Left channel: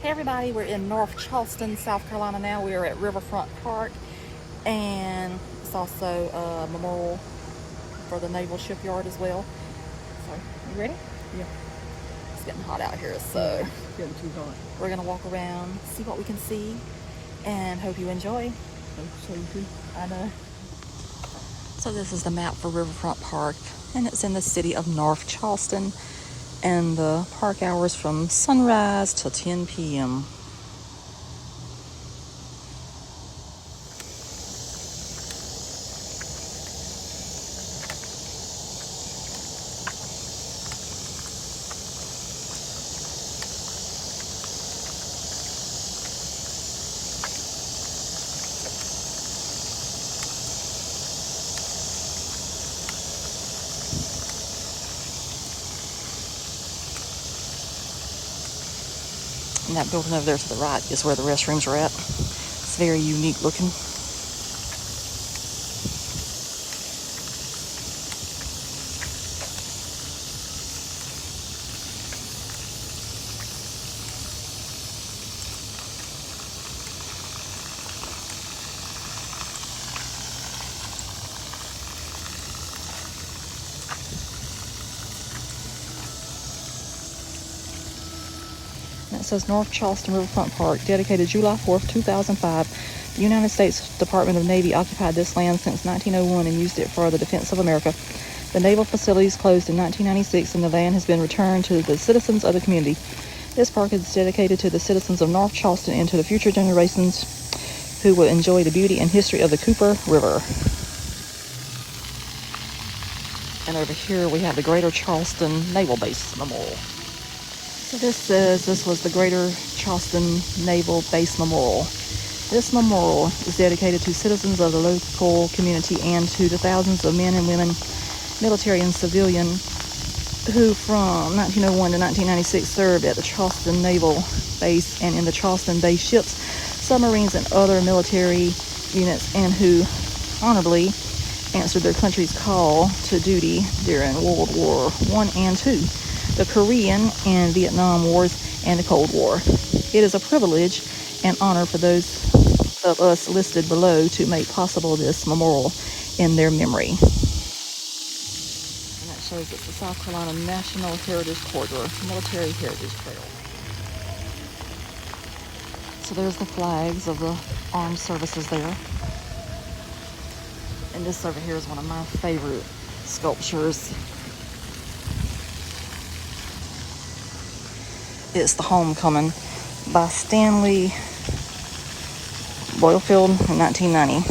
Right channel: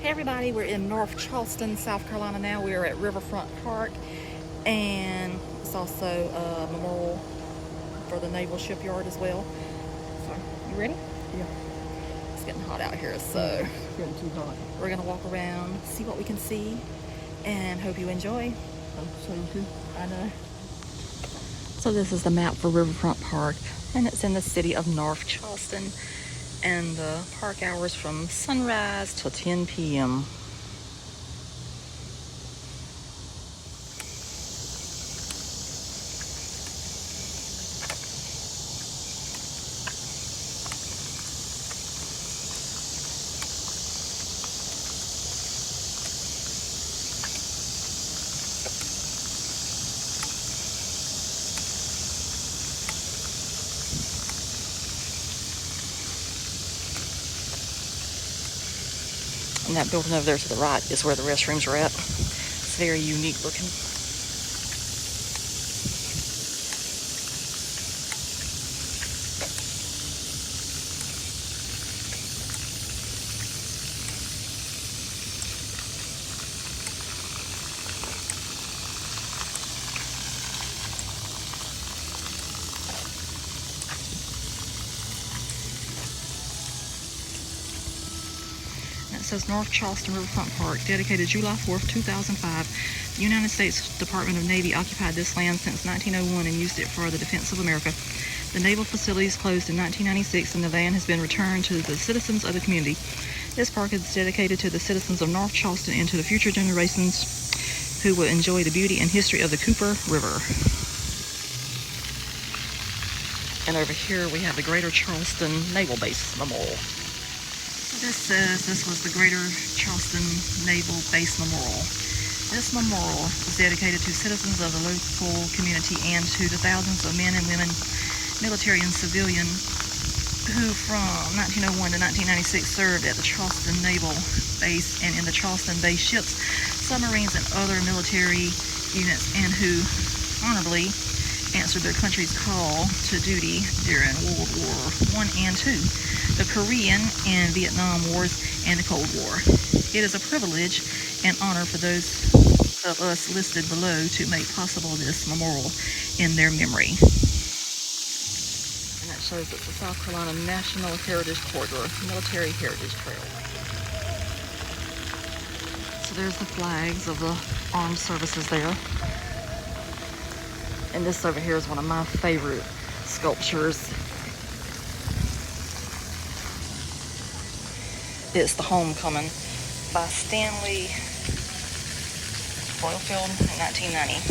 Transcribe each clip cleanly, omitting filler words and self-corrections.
Hey everybody, we're in North Charleston, South Carolina now. We are at Riverfront Park, and it's also a memorial for the Naval Shipyard as well. So, you ready? Yeah. It's getting hot out here, so it's getting too hot. We're gonna walk around, see what we can see, and hope you enjoy. Hope so too. I know. So this is the map for Riverfront Park, and it's in the city of North Charleston. And the park hours from sunrise till 10 p.m. And that building over there to the right is where the restrooms are at. It's very unique looking. And it says North Charleston Riverfront Park, dedicated July 4th, 2005. The United States Department of Navy occupied this land since 1901 and used it for the defense of America. The naval facilities closed in 1996 and the land has been returned to the citizens of the community. This park is dedicated to the citizens of North Charleston and to the future generations who will enjoy the beauty and history of the Cooper River. And over here we have the Greater Charleston Naval Base Memorial. So this says this was the Greater Charleston Naval Base Memorial. This memorial is dedicated to citizens of the local community and to the thousands of men and women, military and civilian, who from 1901 to 1996 served at the Charleston Naval Base and in the Charleston Base ships, submarines, and other military units, and who honorably answered their country's call to duty during World War I and II, the Korean and Vietnam Wars, and the Cold War. It is a privilege and honor for those of us listed below to make possible this memorial in their memory. And that shows it's the South Carolina National Heritage Corridor, Military Heritage Trail. So there's the flags of the armed services there. And this over here is one of my favorite sculptures. It's the Homecoming by Stanley Boylefield in 1990.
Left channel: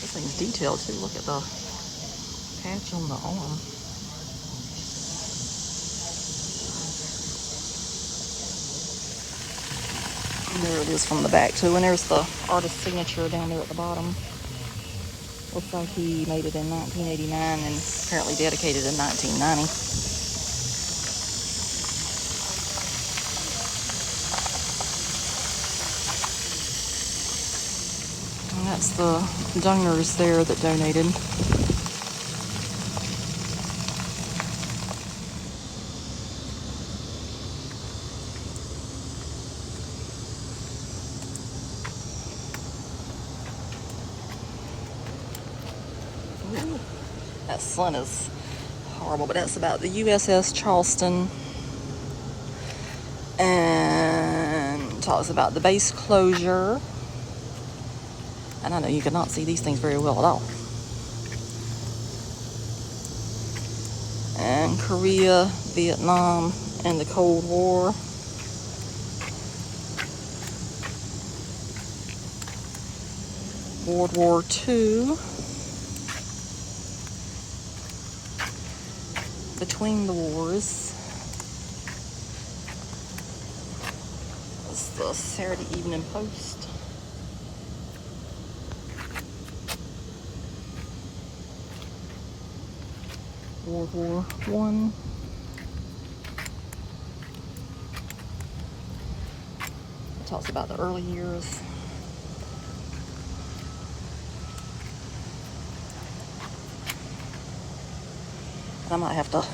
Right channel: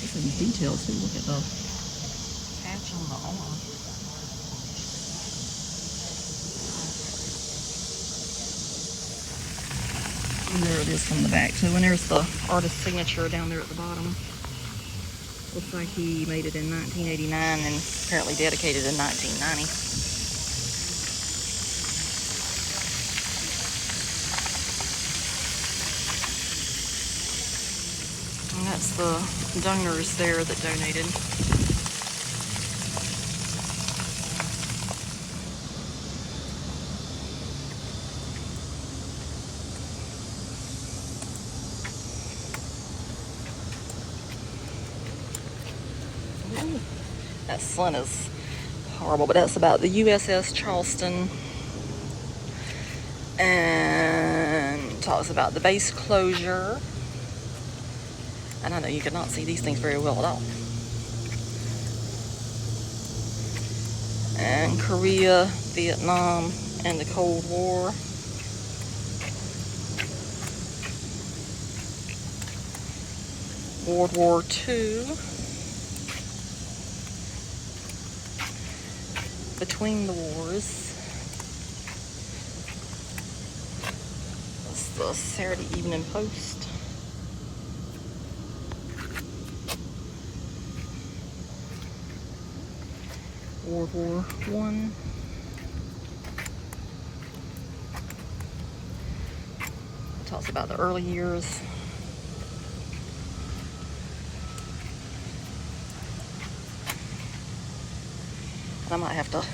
This thing's detailed too. Look at the patch on the arm. And there it is from the back too. And there's the artist's signature down there at the bottom. Looks like he made it in 1989 and apparently dedicated in 1990. And that's the donors there that donated. Ooh, that sun is horrible, but that's about the USS Charleston, and talks about the base closure. And I know you cannot see these things very well at all. And Korea, Vietnam, and the Cold War. World War II. Between the wars. That's the Saturday Evening Post. World War I. It talks about the early years. I might have to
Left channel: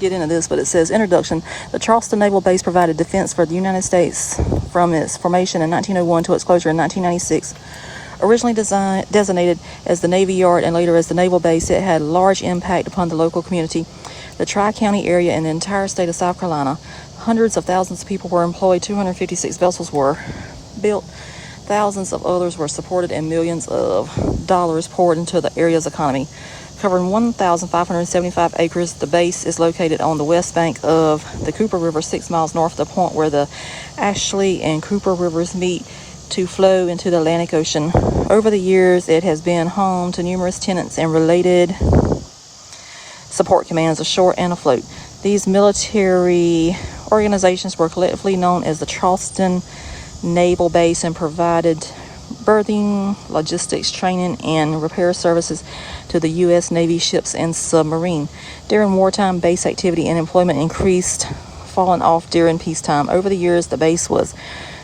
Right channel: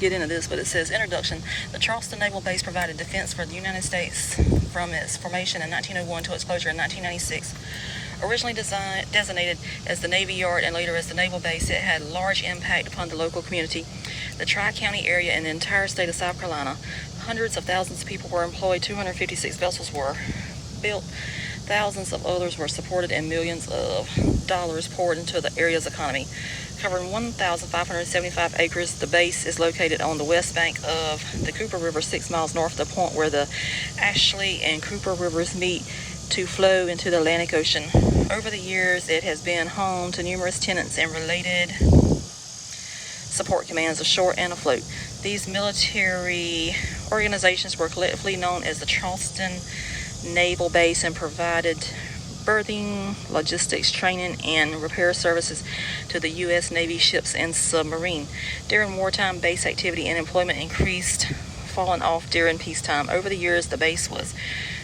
get into this, but it says, Introduction. The Charleston Naval Base provided defense for the United States from its formation in 1901 to its closure in 1996. Originally designated as the Navy Yard and later as the Naval Base, it had large impact upon the local community, the Tri-County area, and the entire state of South Carolina. Hundreds of thousands of people were employed, 256 vessels were built, thousands of others were supported, and millions of dollars poured into the area's economy. Covering 1,575 acres, the base is located on the west bank of the Cooper River, 6 miles north of the point where the Ashley and Cooper Rivers meet to flow into the Atlantic Ocean. Over the years, it has been home to numerous tenants and related support commands ashore and afloat. These military organizations were collectively known as the Charleston Naval Base and provided berthing, logistics, training, and repair services to the U.S. Navy ships and submarine. During wartime, base activity and employment increased, falling off during peacetime. Over the years, the base was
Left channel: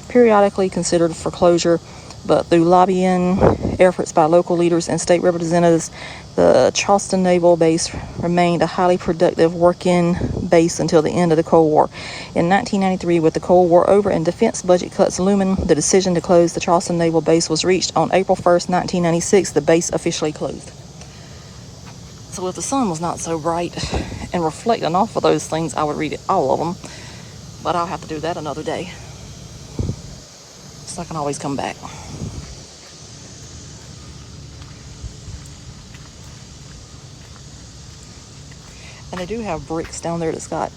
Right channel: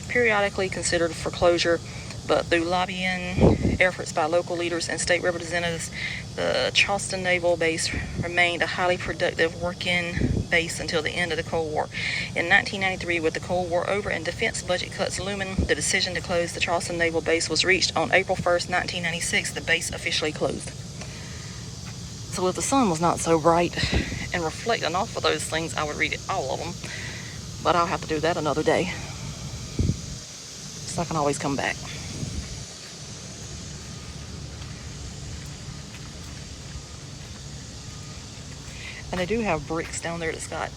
periodically considered for closure, but through lobbying efforts by local leaders and state representatives, the Charleston Naval Base remained a highly productive working base until the end of the Cold War. In 1993, with the Cold War over and defense budget cuts looming, the decision to close the Charleston Naval Base was reached. On April 1st, 1996, the base officially closed. So if the sun was not so bright and reflecting off of those things, I would read all of them, but I'll have to do that another day. So I can always come back. And they do have bricks down there that's got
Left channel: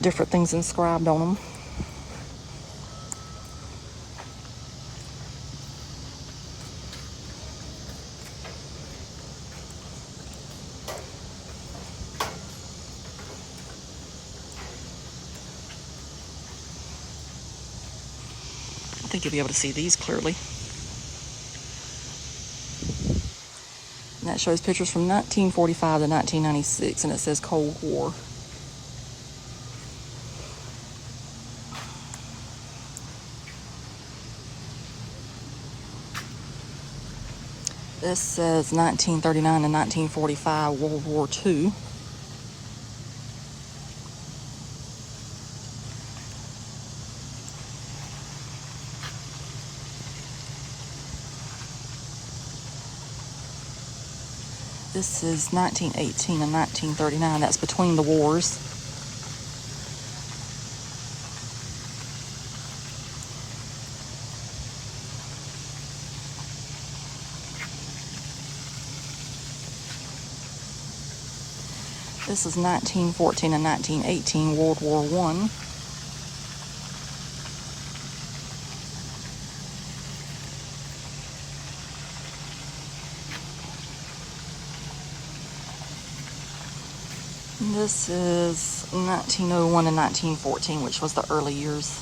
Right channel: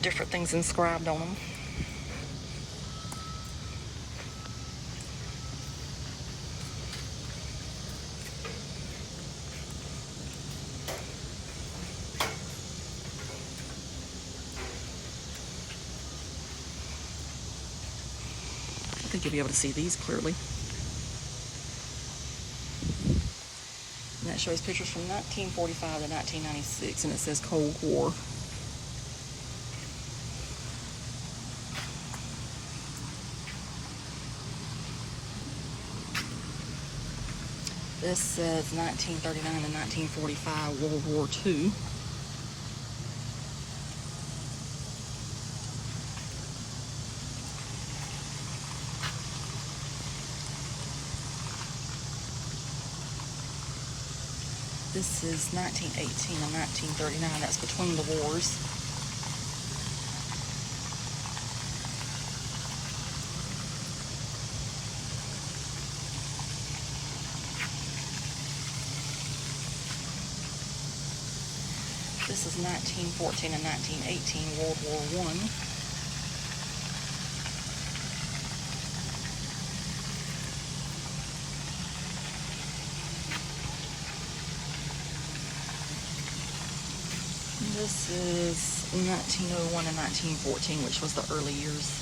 different things inscribed on them. I think you'll be able to see these clearly. And that shows pictures from 1945 to 1996, and it says Cold War. This says 1939 to 1945, World War II. This is 1918 and 1939. That's between the wars. This is 1914 and 1918, World War I. This is 1901 and 1914, which was the early years.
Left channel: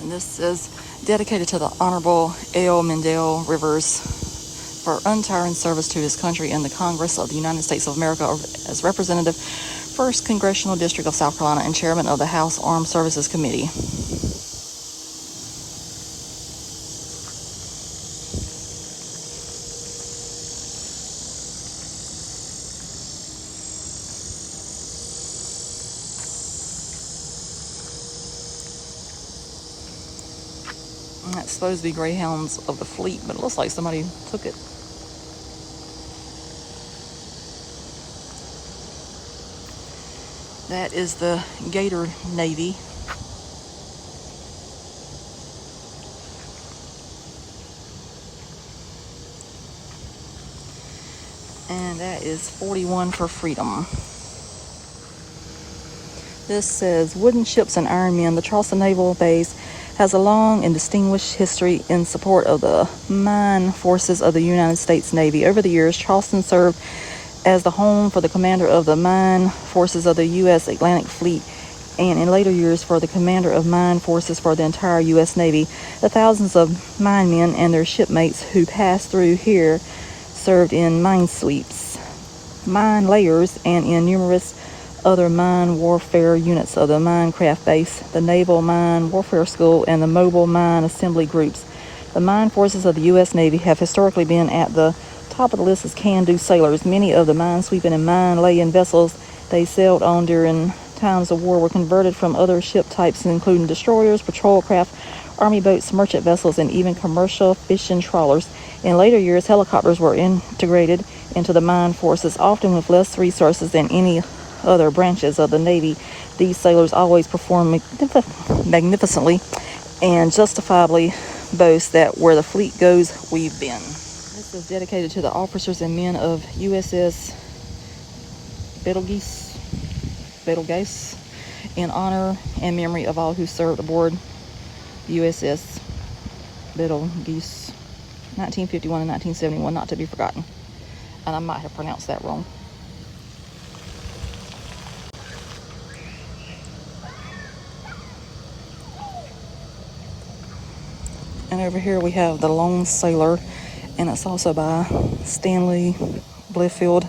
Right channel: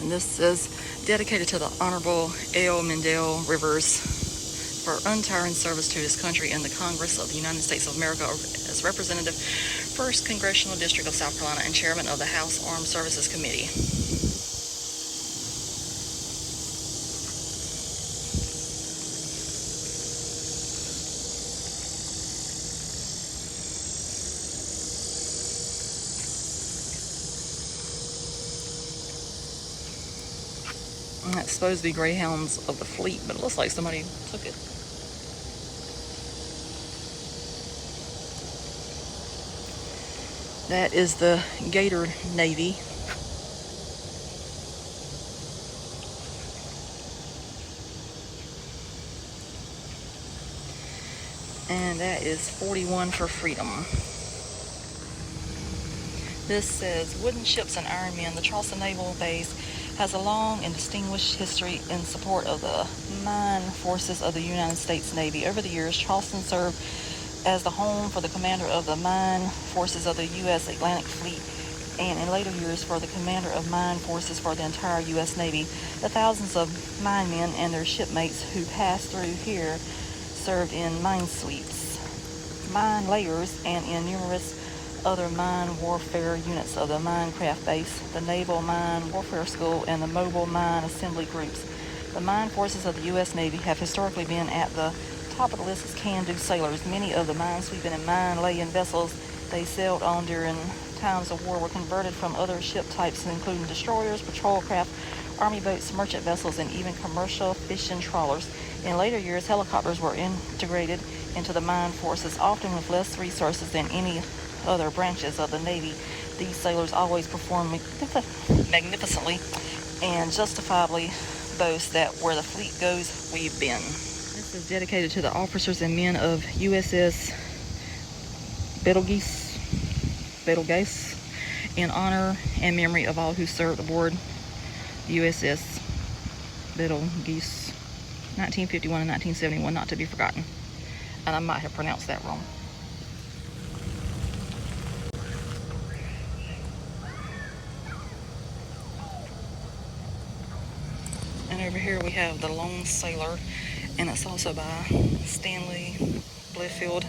And this is dedicated to the Honorable L. Mendel Rivers for untiring service to his country in the Congress of the United States of America as Representative, 1st Congressional District of South Carolina, and Chairman of the House Armed Services Committee. And that's supposed to be Greyhounds of the Fleet, but it looks like somebody took it. That is the Gator Navy. And that is 41 for Freedom. This says, wooden ships and iron men. The Charleston Naval Base has a long and distinguished history in support of the mine forces of the United States Navy. Over the years, Charleston served as the home for the commander of the mine forces of the U.S. Atlantic Fleet, and in later years for the commander of mine forces for the entire U.S. Navy. The thousands of mine men and their shipmates who passed through here served in mine sweeps, mine layers, and in numerous other mine warfare units of the Minecraft Base, the Naval Mine Warfare School, and the Mobile Mine Assembly Groups. The mine forces of the U.S. Navy have historically been at the top of the list as can-do sailors. Many of the mine-sweeping and mine-laying vessels they sailed on during times of war were converted from other ship types, including destroyers, patrol craft, army boats, merchant vessels, and even commercial fishing trawlers. In later years, helicopters were integrated into the mine forces, often with less resources than any other branches of the Navy. These sailors always perform magnificently and justifiably boast that where the fleet goes, we've been. This is dedicated to the officers and men of USS Betelgeuse, in honor and memory of all who served aboard USS Betelgeuse, 1951 and 1971, not to be forgotten. And I might have pronounced that wrong. And over here we have The Lone Sailor, and it's also by Stanley Bliffield.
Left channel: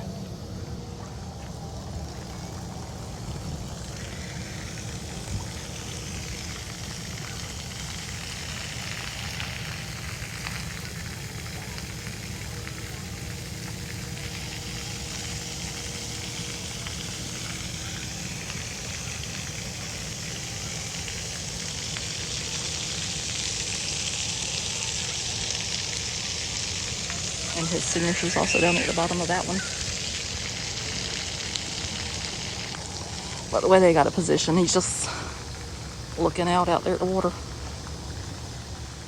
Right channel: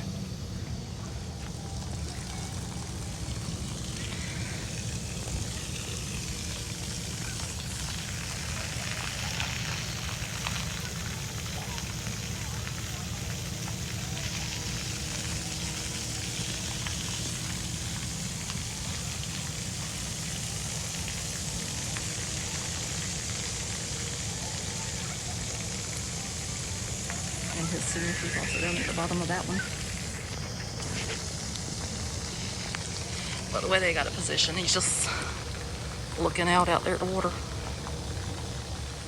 And his signature is also down there at the bottom of that one. But the way they got it positioned, he's just looking out there at the water.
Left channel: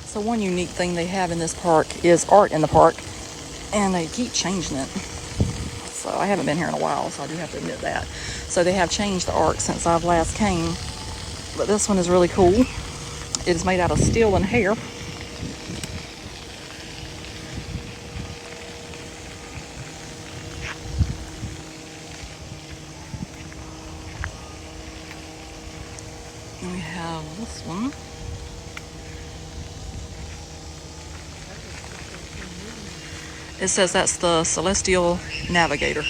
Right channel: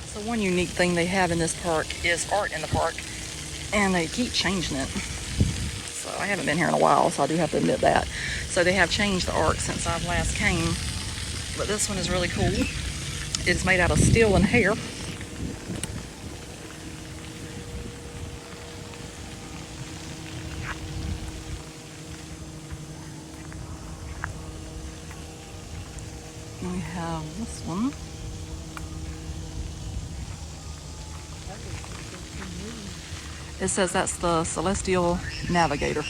So one unique thing they have in this park is art in the park, and they keep changing it. So I haven't been here in a while, so I do have to admit that. So they have changed the art since I've last came. But this one is really cool. It is made out of steel and hair. And we have this one. It says that's the Celestial Navigator.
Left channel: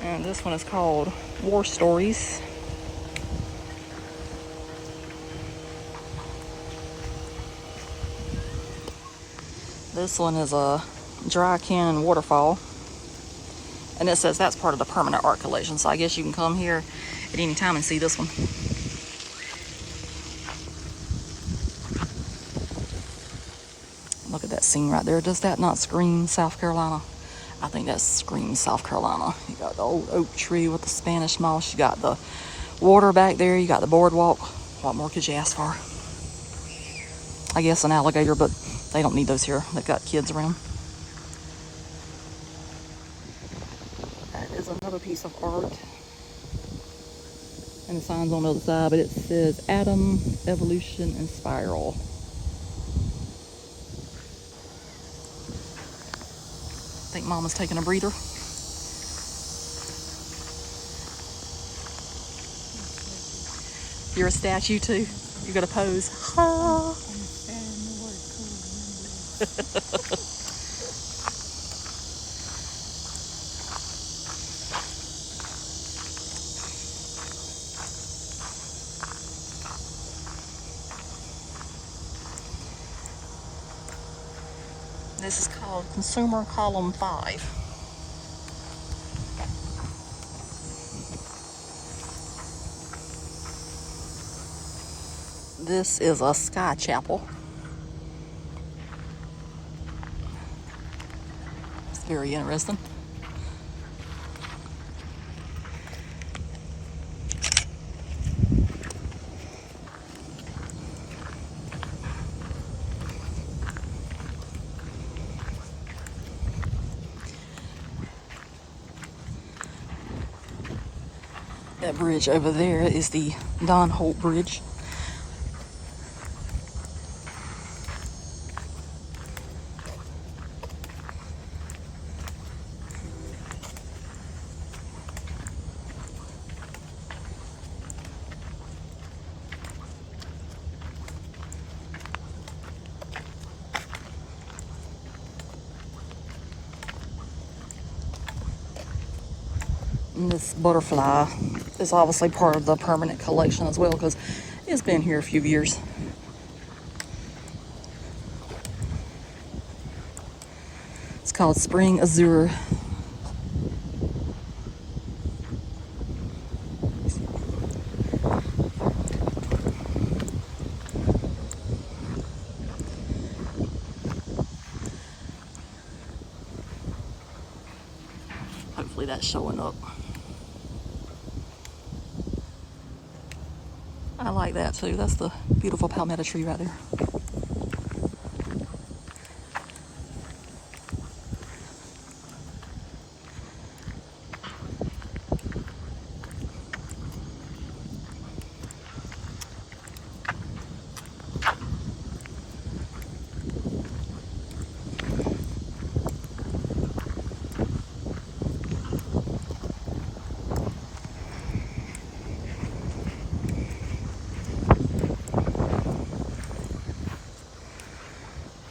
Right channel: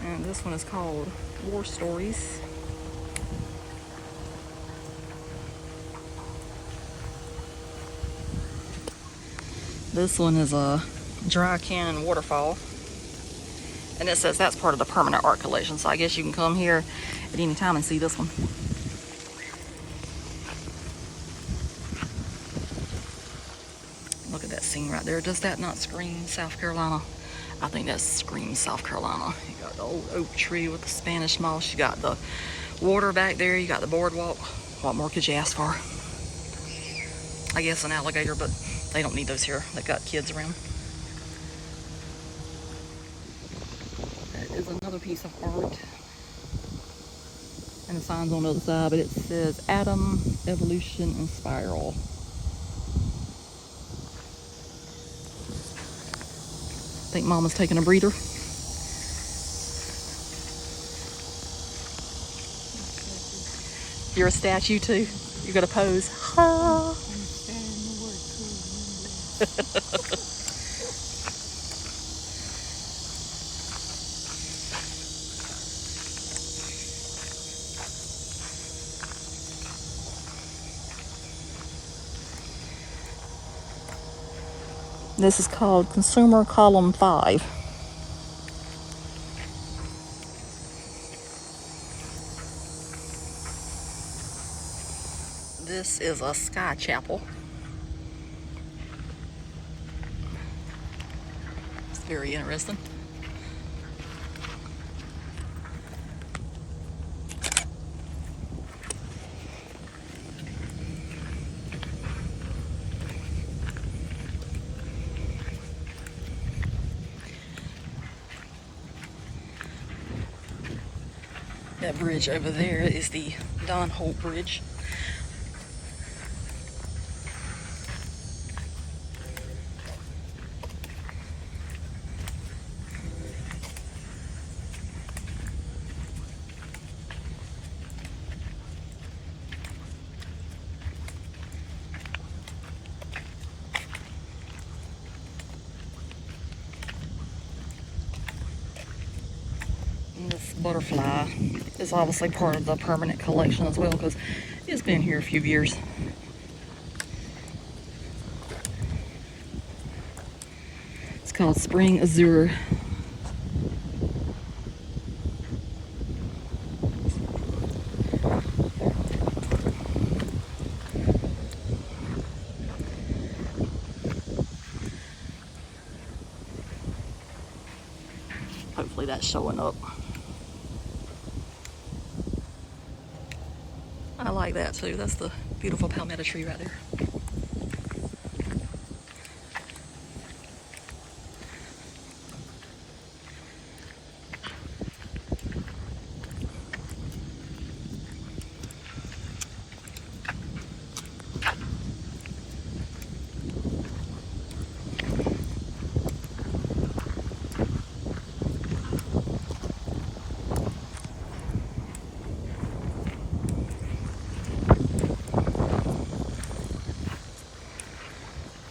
And this one is called War Stories. This one is a dry canyon waterfall. And it says that's part of the permanent art collection. So I guess you can come here at any time and see this one. Look at that scene right there. Does that not scream South Carolina? I think that screams South Carolina. You got the old oak tree with the Spanish moss. You got the water back there. You got the boardwalk. What more could you ask for? I guess an alligator, but they don't need those here. They've got kids around. That is another piece of art. And the sign's on the other side, but it says Atom, Evolution, and Spiral. I think Mama's taking a breather. You're a statue too? You got to pose. Ah. I'm standing the word cool. This is called Consumer Column 5. This is a sky chapel. It's very interesting. That bridge over there is the Don Holt Bridge. And this butterfly is obviously part of the permanent collection as well because it's been here a few years. It's called Spring Azure. Hopefully that's showing up. I like that too. That's the beautiful palmetto tree right there.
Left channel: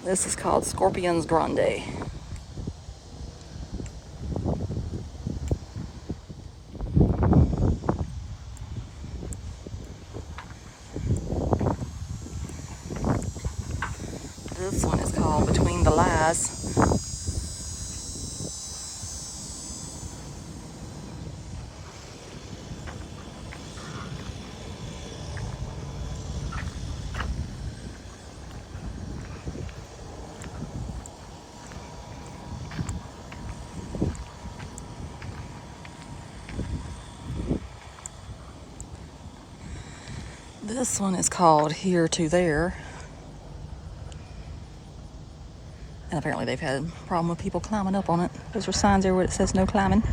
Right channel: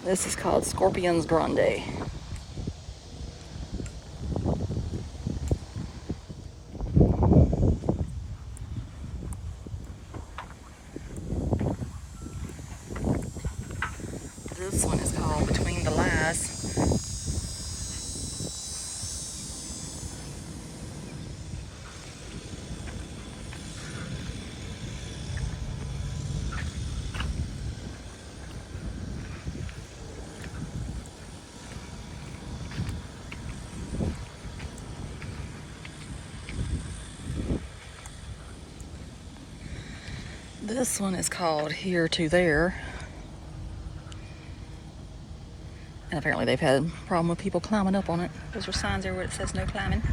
This is called Scorpions Grande. This one is called Between the Lies. This one is called Here to There. And apparently they've had a problem with people climbing up on it. Those are signs there where it says no climbing.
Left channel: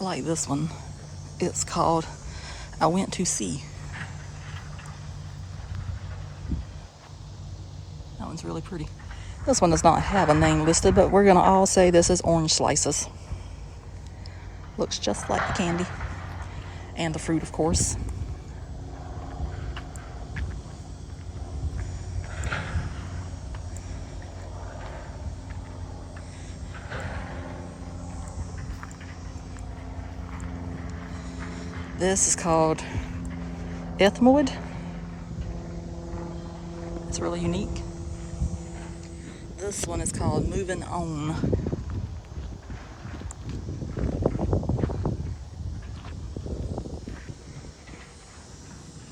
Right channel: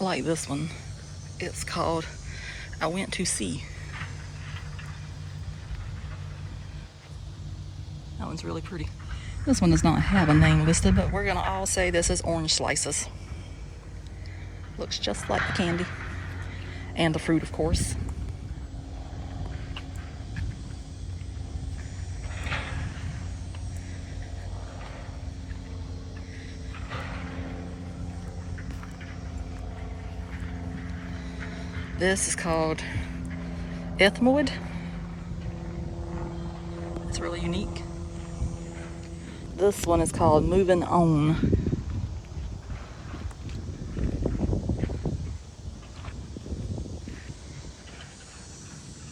I like this one. It's called I Went to Sea. That one's really pretty. This one does not have a name listed, but we're gonna all say this is orange slices. Looks just like the candy. And the fruit, of course. This is called Ethmoid. It's really unique. This one is called Moving On.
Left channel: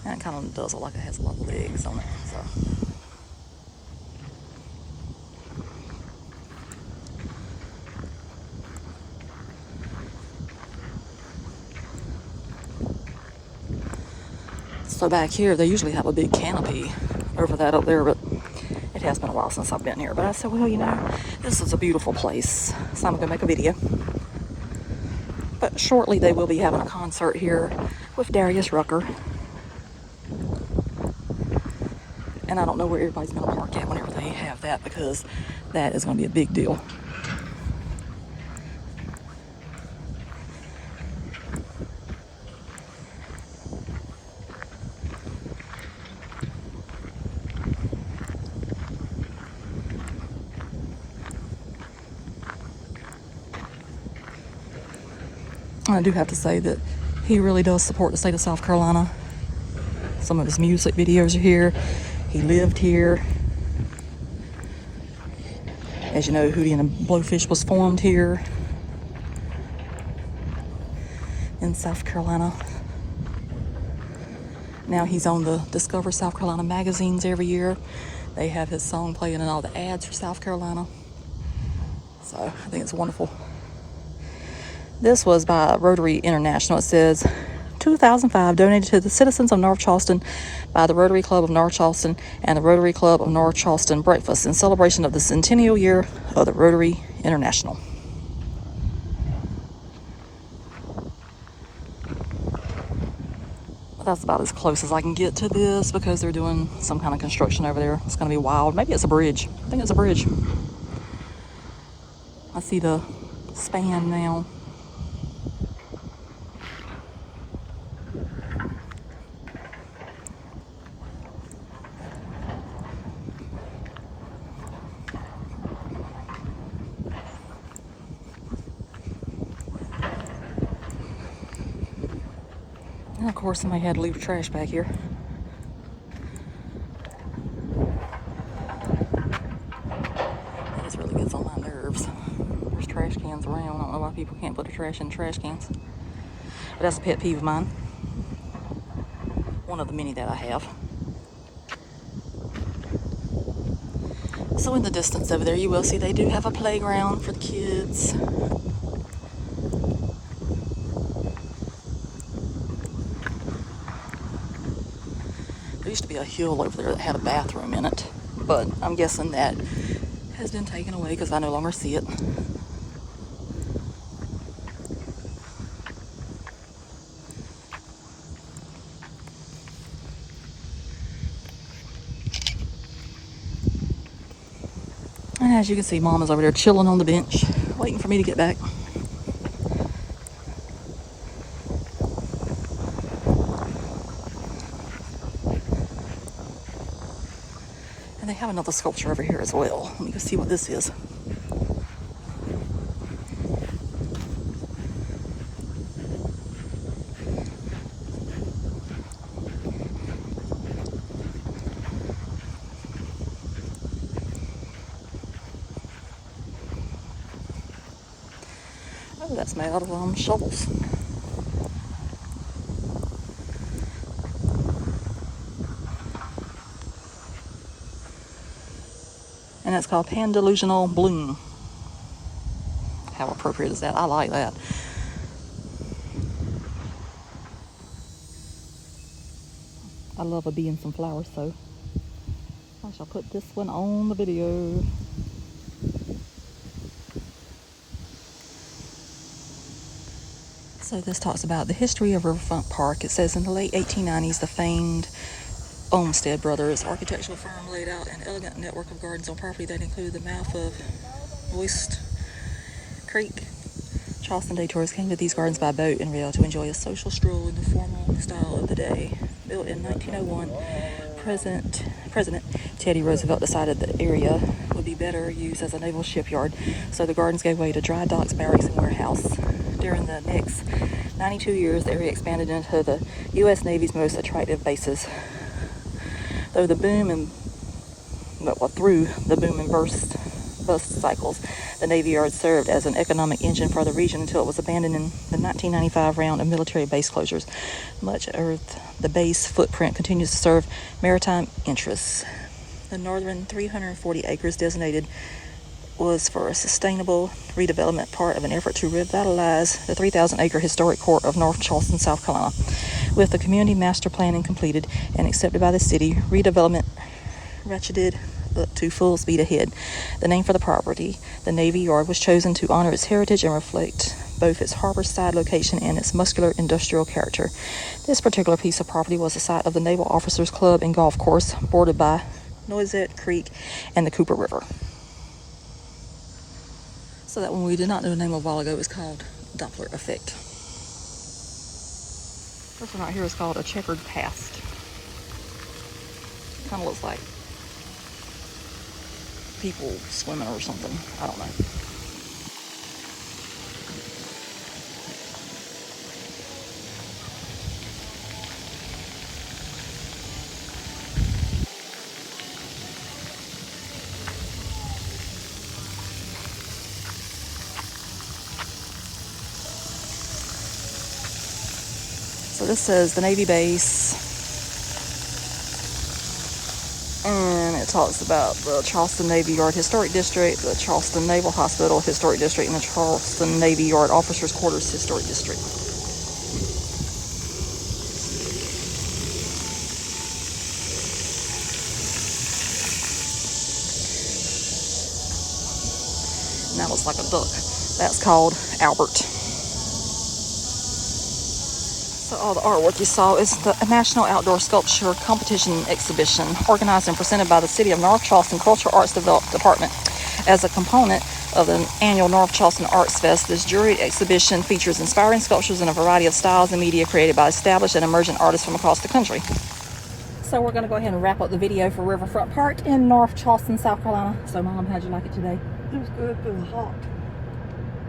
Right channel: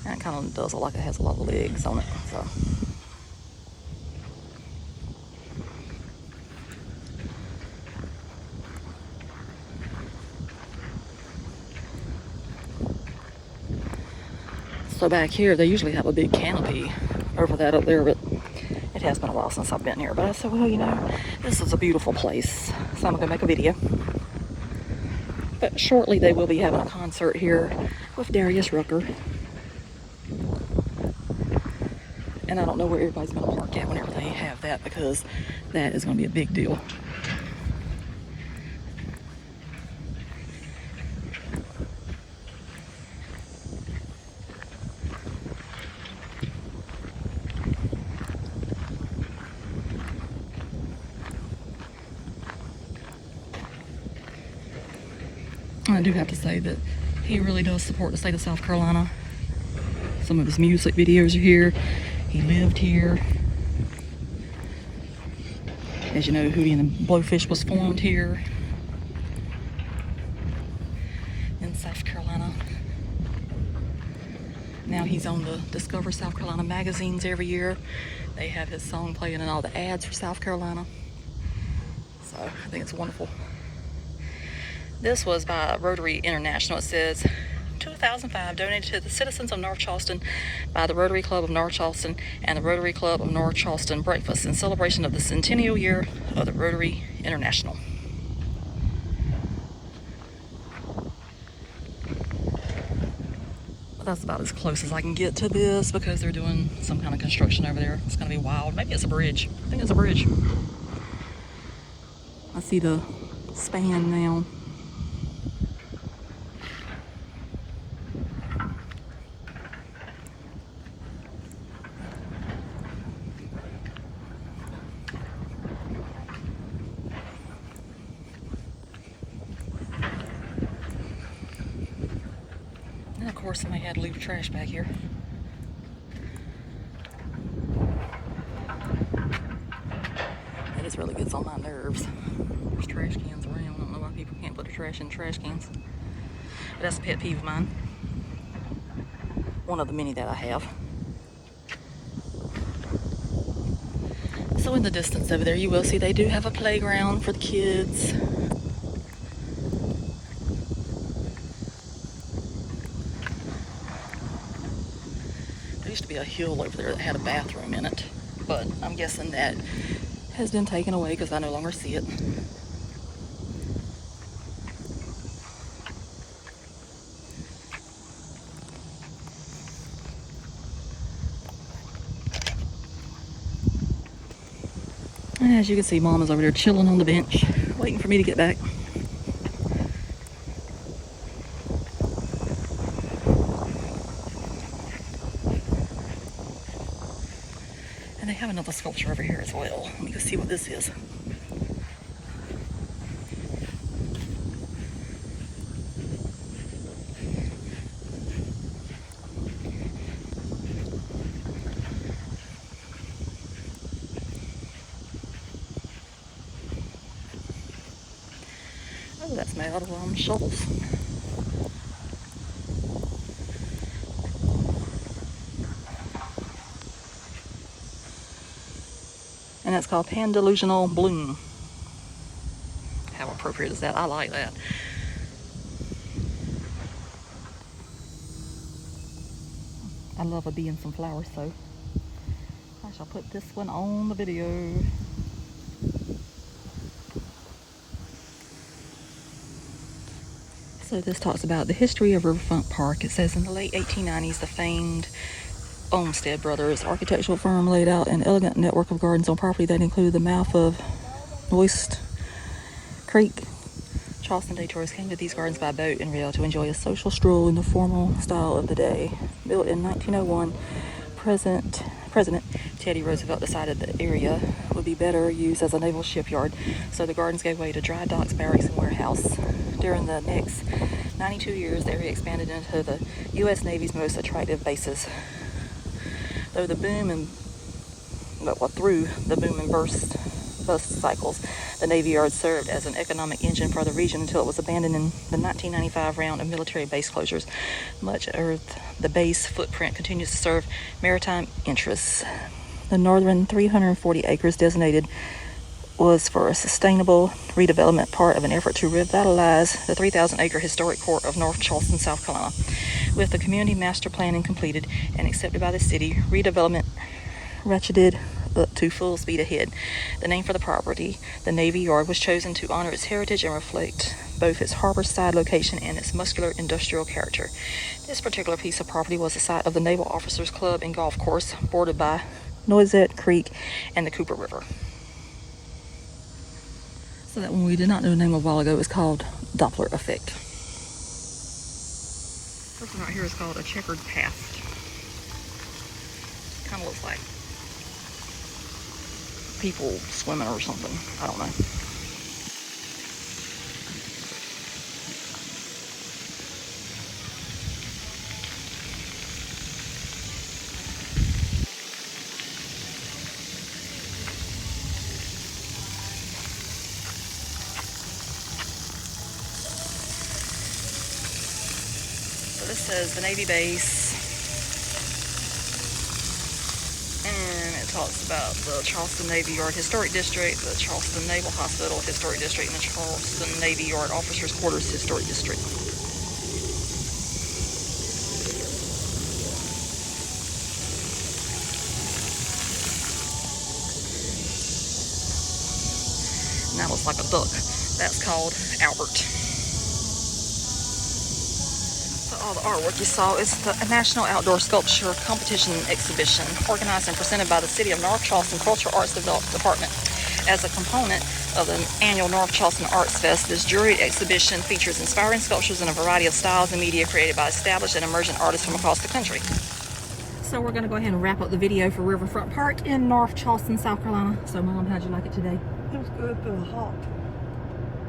And it kind of does look like it has a lot of legs on it. So. So back here, they usually have a big canopy over that up there, but it has been a while since I've been here. But I said, well, you know, this is a beautiful place, so I'm gonna make a video. But shortly, they will be having a concert here with Darius Rucker. And I don't know where everybody's gonna park at whenever they have that, because that is gonna be a big deal. I do have to say that he really does support the state of South Carolina. Some of his music videos are here. He lived here. As you know, Hootie and the Blowfish was formed here in South Carolina. Now he's on the Discover South Carolina magazines every year. They have his song playing in all the ads for South Carolina. So I think it's wonderful. This was by Rotary International. It says, 2005, donated to the citizens of North Charleston by the Rotary Club of North Charleston and the Rotary Club of North Charleston Breakfast in celebration of the centennial year of the Rotary International. That's about as close as I can get to this because they're doing some kind of construction over there. It's going to be wild. Maybe it's a bridge. I think it's a bridge. I see the span now. And of course, somebody had to leave the trash back here. That just really gets on my nerves. There's trash cans around. I don't know why people can't put their trash in trash cans. But that's a pet peeve of mine. One of the many that I have. So in the distance over there, you will see they do have a playground for the kids. There used to be a hill over there that had a bathroom in it, but I'm guessing that has been taken away because I no longer see it. And as you can see, Mom is over there chilling on the bench, waiting for me to get back. And they have another sculpture over here as well. Let me go see what this is. Oh, that's made out of shovels. And it's called Pandelusional Bloom. How appropriate is that? I like that. I love a bee and some flowers, so I shall put this one on the video. So this talks about the history of Riverfront Park. It says in the late 1890s, the famed Olmsted Brothers architectural firm laid out an elegant network of gardens on property that included the mouth of Noist Creek. Charleston Day tourists came to these gardens by boat and rail to enjoy a social stroll in the formal style of the day. Built in 1901, President Teddy Roosevelt decided the area would be better used as a naval shipyard, so the gardens gave way to dry docks, barracks, and warehouse. During the next 92 years, the area expanded into the U.S. Navy's most attractive bases. Through the boom and bust cycles, the Navy Yard served as an economic engine for the region until it was abandoned in the 1995 round of military base closures. Much of the base footprint continues to serve maritime interests. The northern 340 acres designated was for a sustainable redevelopment, part of an effort to revitalize the 3,000-acre historic core of North Charleston, South Carolina. With the community master planning completed and accepted by the city, redevelopment ratcheted up to full speed ahead. The name for the property, the Navy Yard, was chosen to honor its heritage and reflect both its harbor side location and its muscular industrial character. This particular piece of property was the site of the Naval Officers Club and Golf Course, bordered by Noisette Creek and the Cooper River. So that one we did not know the name of a while ago is called Doppler effect. This one right here is called a checkered past. Kind of looks like people swimming or something. I don't know. So this says the Navy base. And it talks about the Charleston Navy Yard Historic District, the Charleston Naval Hospital Historic District, and the Charleston Navy Yard Officers Quarters Historic District. And that looks like a duck. That's called Albert. So all the artwork you saw is the National Outdoor Sculpture Competition Exhibition, organized and presented by the City of North Charleston Cultural Arts Department. As a component of the annual North Charleston Arts Fest, this juried exhibition features inspiring sculptures in a variety of styles and media created by established and emerging artists from across the country. So we're going to go ahead and wrap up the video for Riverfront Park in North Charleston, South Carolina. So Mom, how'd you like it today? It was good, but it was hot.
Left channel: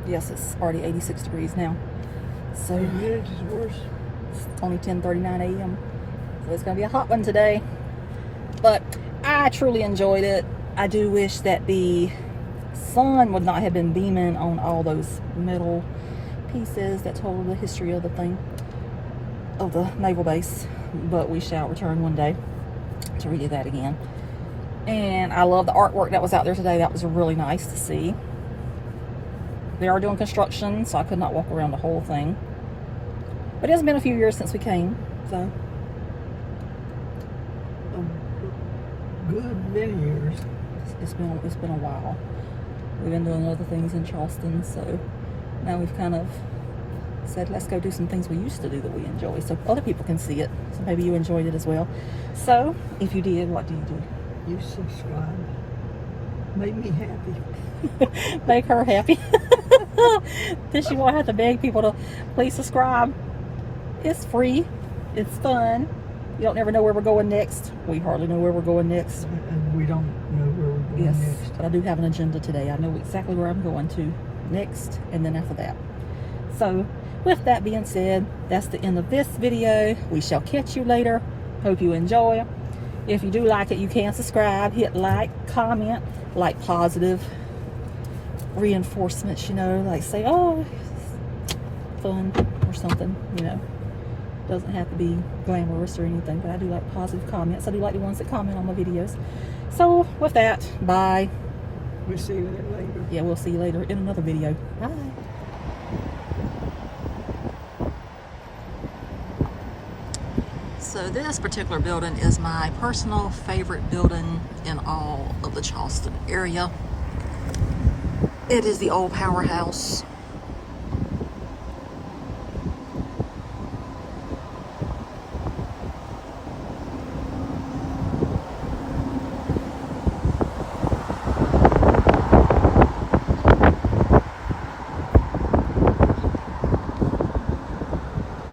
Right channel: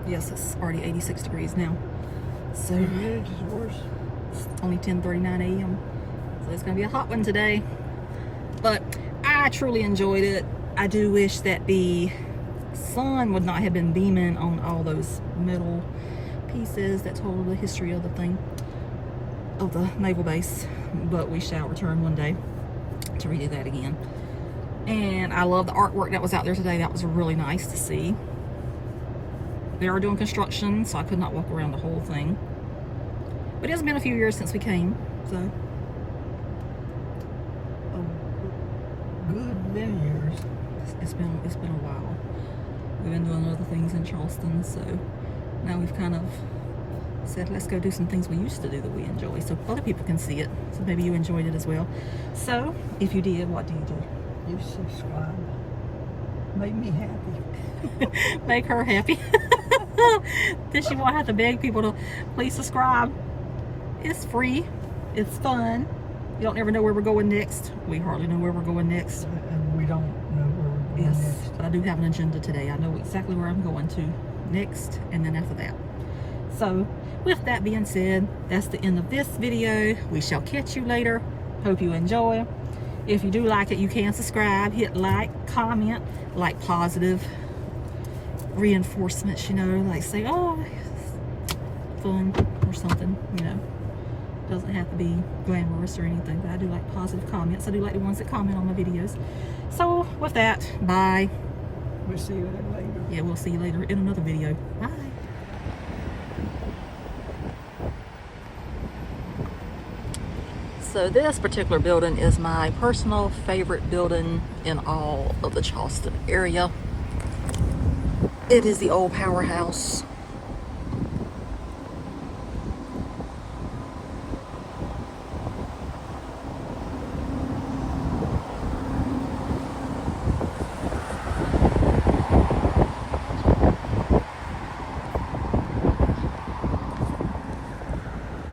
Yes, it's already 86 degrees now. So Yeah, it's just worse. it's only 10:39 a.m. So it's going to be a hot one today. But I truly enjoyed it. I do wish that the sun would not have been beaming on all those metal pieces that told the history of the thing, of the naval base. But we shall return one day to redo that again. And I love the artwork that was out there today. That was really nice to see. They are doing construction, so I could not walk around the whole thing. But it has been a few years since we came, so. A good many years. It's been a while. We've been doing other things in Charleston, so now we've kind of said, let's go do some things we used to do that we enjoy, so other people can see it. So maybe you enjoyed it as well. So if you did, what do you do? You subscribe. Made me happy. Make her happy. Then she won't have to beg people to please subscribe. It's free. It's fun. You don't ever know where we're going next. We hardly know where we're going next. And we don't know where we're going Yes, next. but I do have an agenda today. I know exactly where I'm going to next, and then after that. So with that being said, that's the end of this video. We shall catch you later. Hope you enjoy. If you do like it, you can subscribe, hit like, comment, like positive reinforcements, you know, like say, oh, fun or something, you know. Doesn't have to be glamorous or anything, but I do like positive comments. I do like the ones that comment on my videos. So with that, bye. We'll see you later. Yeah, we'll see you later in another video. Bye. So this particular building is my personal favorite building in all of the Charleston area. It is the old powerhouse.